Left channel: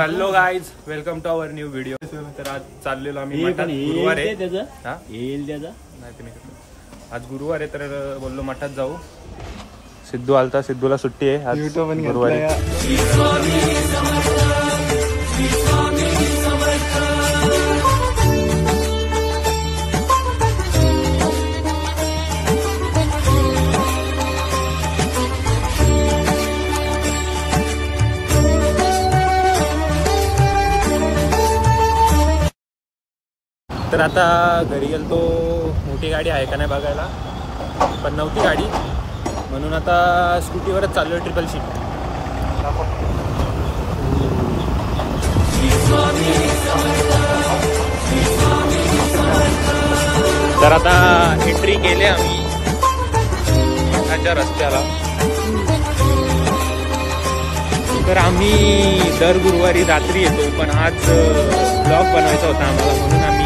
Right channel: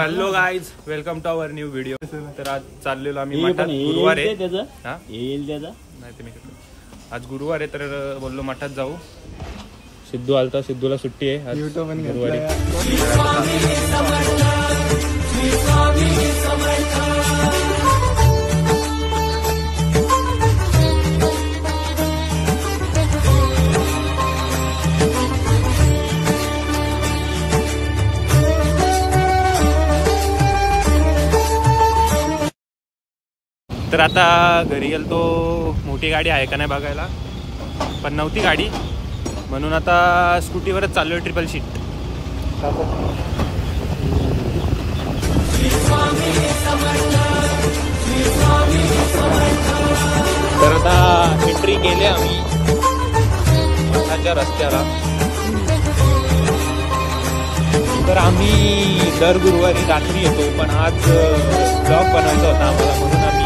Hello guys, welcome to our new video. तर आज चाललेलो आम्ही मठात. गुरुवार आहे नाही ते मी आज गुरुवार आहे तर बोललो मठात जाऊ. सिद्धू आलता, सिद्धूला सुट्टी आहे आज गुरुवारी. तर आता घरी गेलो तो मोठी गाडी आहे का नाही बघायला, पण नव्हती गाडी म्हणून आता स्कूटीवरच चाललो आहे. Triple sheet. तर आता एंट्री केली आम्ही मठाच्या रस्त्याला. तर आम्ही दर गुरुवारी रात्री येतो, पण आज ब्लॉग बनवायचा होता आम्हाला म्हणून आम्ही.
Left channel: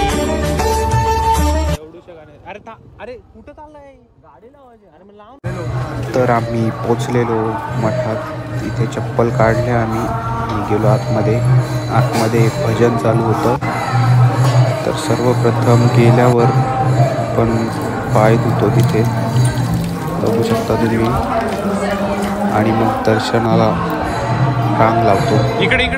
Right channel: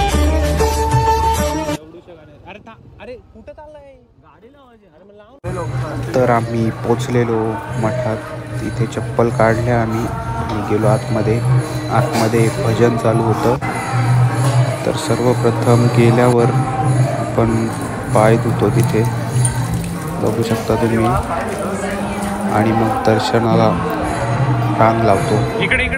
अरे कुठं चाललंय गाडी लावायची. अरे लाव. तर आम्ही पोचलेलो मठात. तिथे चप्पल काढल्या आम्ही गेलो आतमध्ये भजन चालू होतं. तर सर्वप्रथम गेल्यावर आपण पाय धुतो तिथे बघू शकता तुम्ही, आणि मग दर्शनाला रांग लावतो. इकडे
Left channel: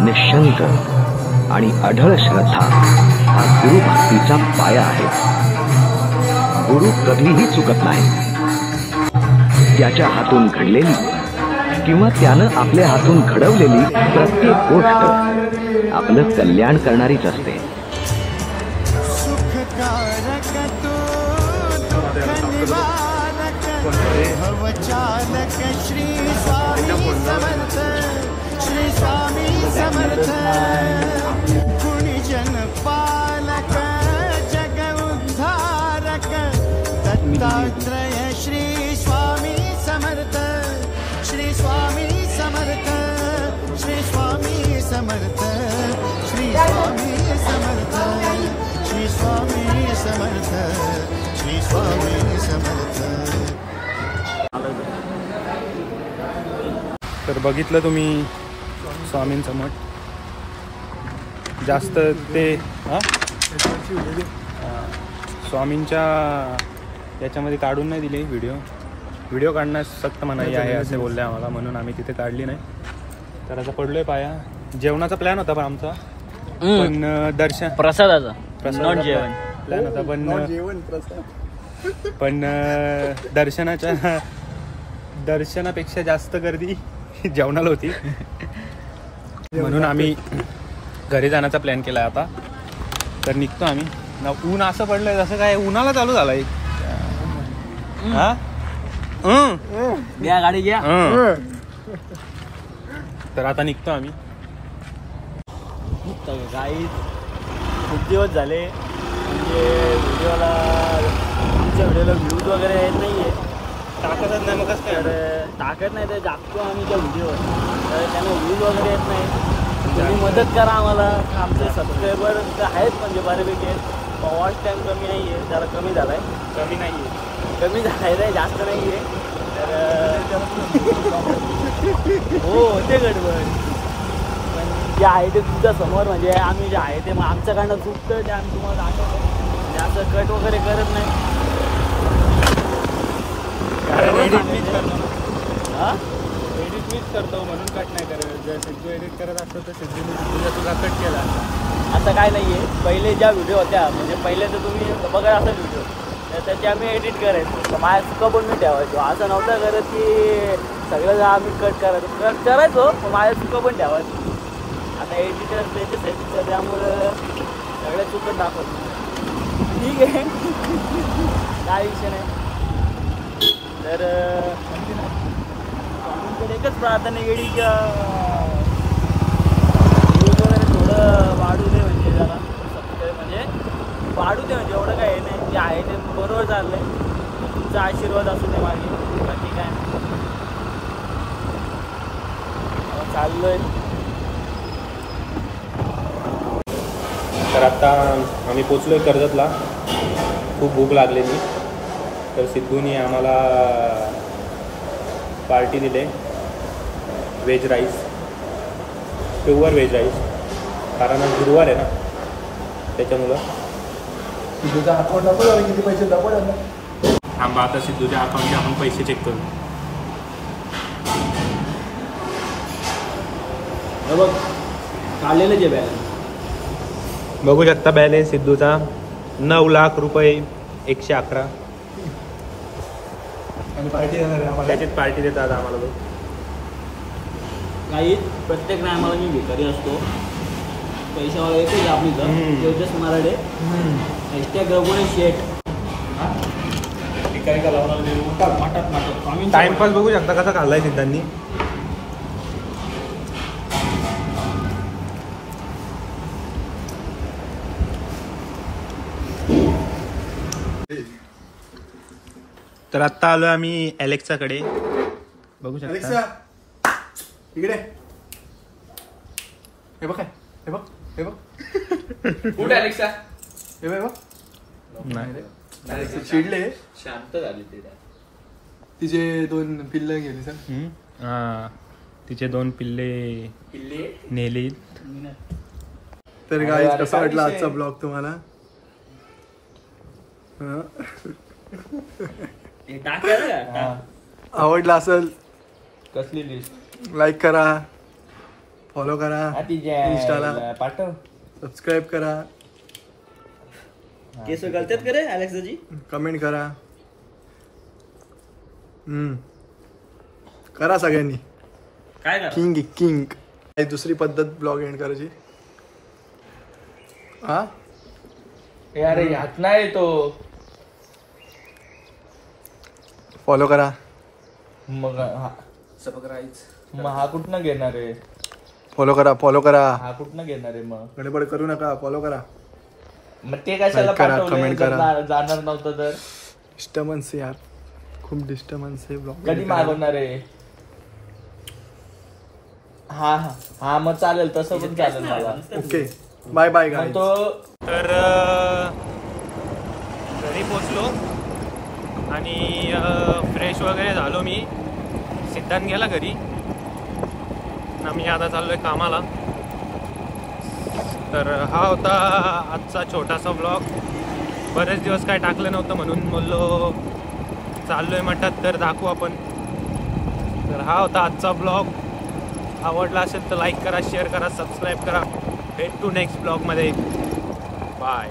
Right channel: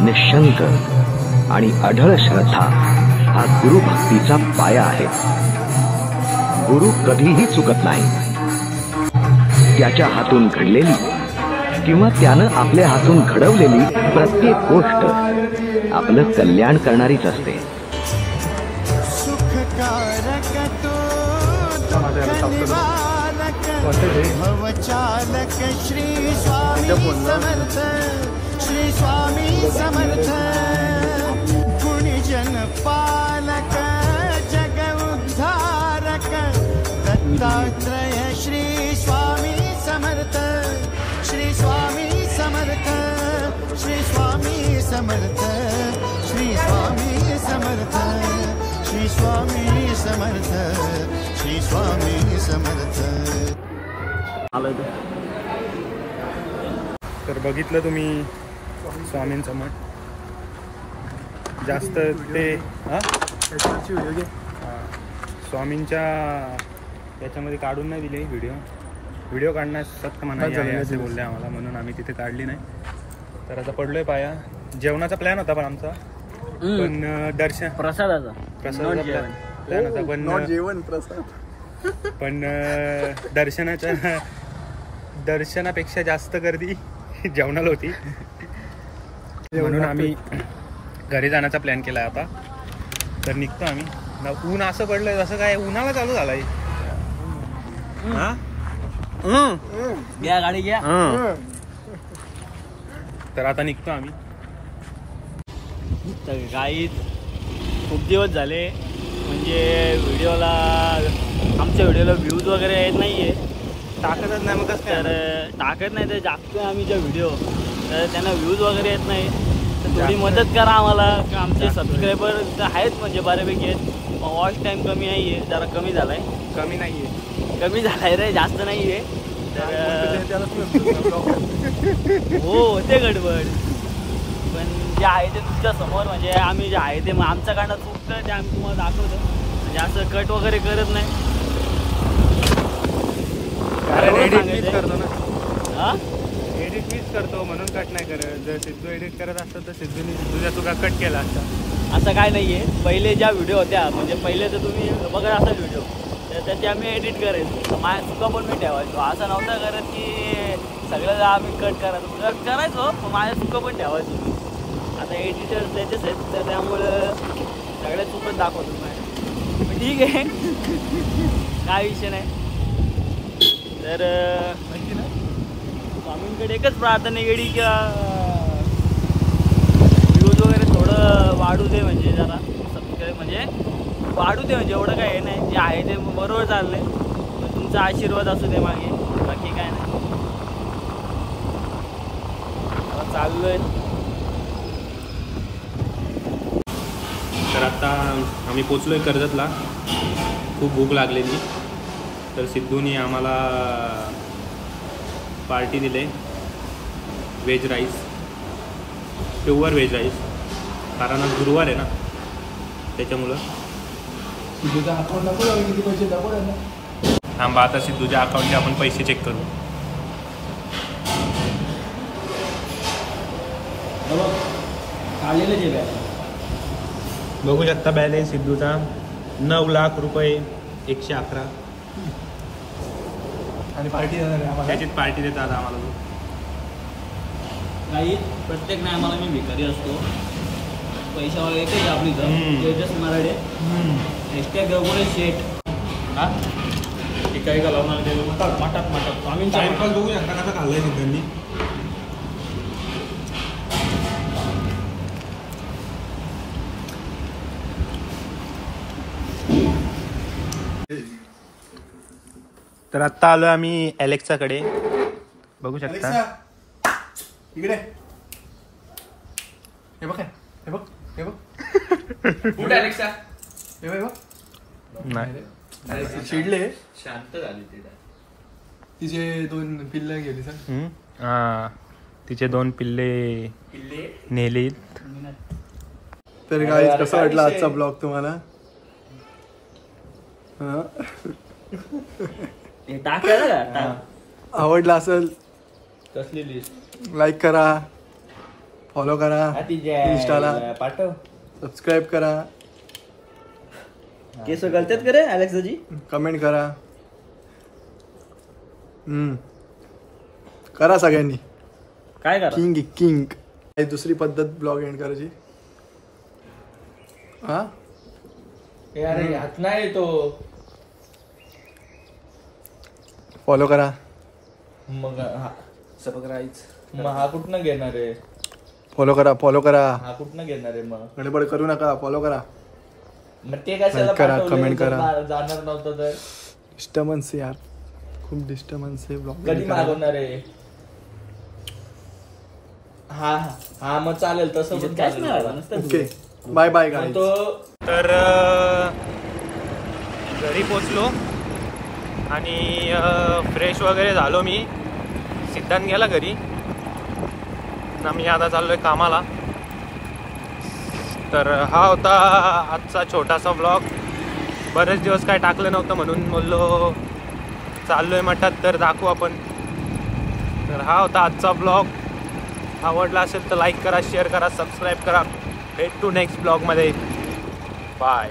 निशंक आणि अढळ श्रद्धा हा गुरु भक्तीचा पाया आहे. गुरु कधीही चुकत नाही. त्याच्या हातून घडलेली किंवा त्यानं आपल्या हातून घडवलेली प्रत्येक गोष्ट आपलं कल्याण करणारीच असते. सुखकारक तो दुःख निवारक भवचालक श्री स्वामी समर्थ. श्री स्वामी समर्थ. गुणीजन पालक जग उद्धारक दत्तात्रय श्री स्वामी समर्थ. श्री स्वामी समर्थ. श्री स्वामी समर्थ. श्री स्वामी समर्थ. श्री स्वामी समर्थ. श्री स्वामी समर्थ. तर बघितलं तुम्ही स्वामींचं मठ. जास्त ते स्वामींच्या याच्यामध्ये काढून नाही दिले. व्हिडिओ काढण्यास सक्त मनाई आहे असे बोलले आम्हाला, म्हणून आम्ही तिथे काढली नाही. तर आता पडलोय पाया. जेवणाचा प्लॅन होता पण आमचा, पण प्रसादाचा प्लॅन होता, पण दर्शनापेक्षा जास्त गर्दी जेवणाला होती, म्हणून आम्ही घरी जाण्याचा प्लॅन केलाय आता. तर निघतो आम्ही. ऊन असं पडलंय जसं काय उन्हाला चालू झालाय. गाडी घ्या. तर आता निघतो आम्ही. काही खूप दिवस झाले म्हणजे आमच्या व्हिडिओला व्ह्यूज वगैरे येत नाहीये. टाकतच नाही. मग कसं तर टाकत नाही तर टाकतो आम्ही त्या व्हिडिओ, तर त्यांना व्ह्यूज वगैरे येत नाही. तर थोडी मदत करा आम्हाला. आमचे सबस्क्रायबर तर आहेत म्हणजे बऱ्यापैकी आहेत. वॉच टाईम कमी नाही आहे, जरा कमी झालाय. कमी झालाय रे, जास्त नाही आहे. तर हो होते गडबड, पण जे आहे ते तुमच्या समोर म्हणजे आम्ही जे आहे ते आमच्याकडनं चुकतं ते आम्ही तुम्हाला दाखवतो. म्हणजे असं कट वगैरे करत नाही. एडिट मीच करतो म्हणून कट नाही करत. जर सिद्धू एडिट करत असतं तर सिद्धूने तुझ्या तुझा कट केला असता. असं काय नाहीये. पहिले ज्या व्हिडिओ होत्या म्हणजे पहिले तर तुम्ही बघत असाल व्हिडिओ, तर त्याची आम्ही एडिट करायचो. तर माझ्या चुका पण मी ठेवायचो. असं नव्हतं करत की सगळं आम्ही कट करायचो, पण माझ्या चुका पण ठेवायचो. आता एडिटर त्याचेच आहेत, तर त्यामुळं सगळ्या चुकत दाखवतो. ठीक आहे, काय विषय नाही. तर स्वामींकडे एकच प्रार्थना केली की व्ह्यूज वगैरे थोडं वाढू दे, म्हणजे जरा सबस्क्राईब म्हणजे वाढू दे, म्हणजे एवढं काय हे नाही, जे आहे ते बरोबर चाललंय. मग तुमचा आशीर्वाद असू दे मागे, बाकी काय नाही. चाललोय. तर आता आम्ही पोचलोय कर्जतला. खूप भूक लागलेली, तर सिद्धूनी आम्हाला पार्टी दिले. Veg rice, pure veg rice, कारण आज गुरुवार आहे ना त्याच्यामुळं. सिद्धूचा अकाउंट दाखव, किती पैसे दाखव. थांबा, आता सिद्धूच्या अकाउंटचे आपण पैसे चेक करू. बघ आलेलं जे बॅग बघू शकता बॅलेन्स सिद्धूचा 9,00,000 रुपये 111. आणि पार्टी देणार आहे आम्हाला. त्याच्यात पार्टी देतात आम्हाला तो. काही प्रत्येक टायमाला मी भिकारी असतो, पैशावाला येते आपली तेवढेच मराठे एक्स्ट्रा गवळे शेट काय का टाइमपास बघू शकता कसा खाल्लाय सिद्धांनी. तर आत्ता आलो आम्ही अलेक्साकडे, बघू शकता. इकडे हे बघ, हे बघ, हे बघ. कुठे अलेक्सा? हे बघ. नाही चिडले, शांत झाली ते. तिचे 2 पिल्लं गेली सर. हा, तिचे 2 पिल्ले नेली. तर गाईज कसा वाटला आजचा ब्लॉग तुम्हाला? आवडला असेल कसली लिस्ट? लाईक करा, फॉलो करा इंस्टाला, पाठव, सबस्क्राईब करा, केस गलत्यात करे अलेक्साजी, कमेंट करा. करा सगळ्यांनी. काय करा? किंग दुसरी पद्धत ब्लॉग एंड करायची. हा यार हात नाही तो. फॉलो करा. मग हा कुठनं घेणार आहे? फॉलो करा. हा कुठनं घेणार आहे? मग गडबड करू नका, फॉलो करा. मग ते कशाला लाईक करा, पाठवलं? कमेंट करा. जाणार नव्हतं तर डिस्टर्बन्स यार, खूप डिस्टर्बन्स आहे ब्लॉग. कधी मागवणार आहे? हा मग चालेल, तसं पण चालेल मला. Okay, bye bye guys. तर घरी पोचलो आणि फ्रेश वगैरे झालो मी. सिद्धांत गेला घरी ना, मी आता चाललोय कामाला. तर हा होता आजचा छोटासा ब्लॉग. बरेच दिवस काय टाकलं नव्हतं म्हणून बोललो चाललोय मठात तर दाखवू आपण. तर हा होता आजचा ब्लॉग. आवडला असेल तर लाईक करा, शेअर करा, सबस्क्राईब करा. भेटू नेक्स्ट ब्लॉगमध्ये. बाय.